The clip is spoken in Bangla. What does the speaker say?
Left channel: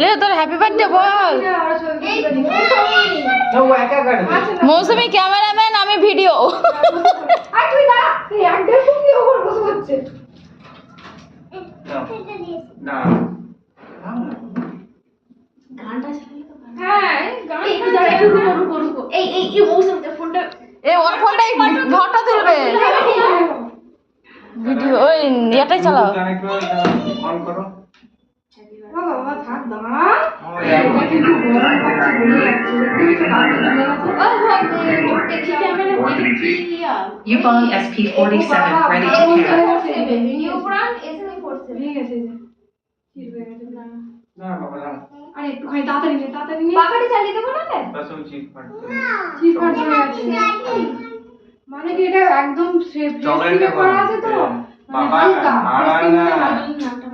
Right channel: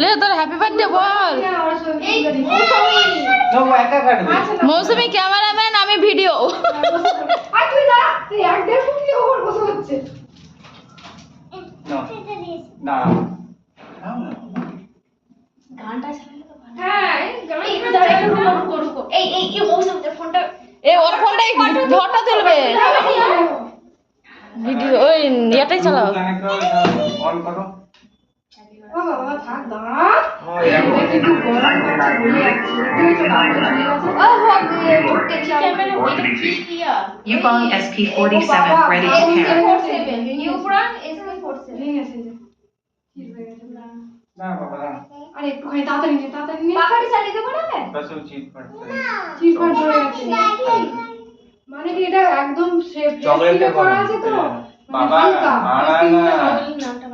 ले তোর হ্যাপি বার্থডে বল। মৌসুমী ক্যামেরাম্যান, আমি ভিডিও। ওর ফোনটাই ফটো তুলবে, ভিডিও ওই ইয়াটাই চালাও। Yupon SP47 ready to pair. আরে একটুখানি তাড়াতাড়ি নিয়ে পাখাটি চালিয়ে দেবো না চিটফাট করে যাচ্ছে। মানে কি এটা একদম সেফ চকলেটটা করা আছে তো, মানে হালকা নামটা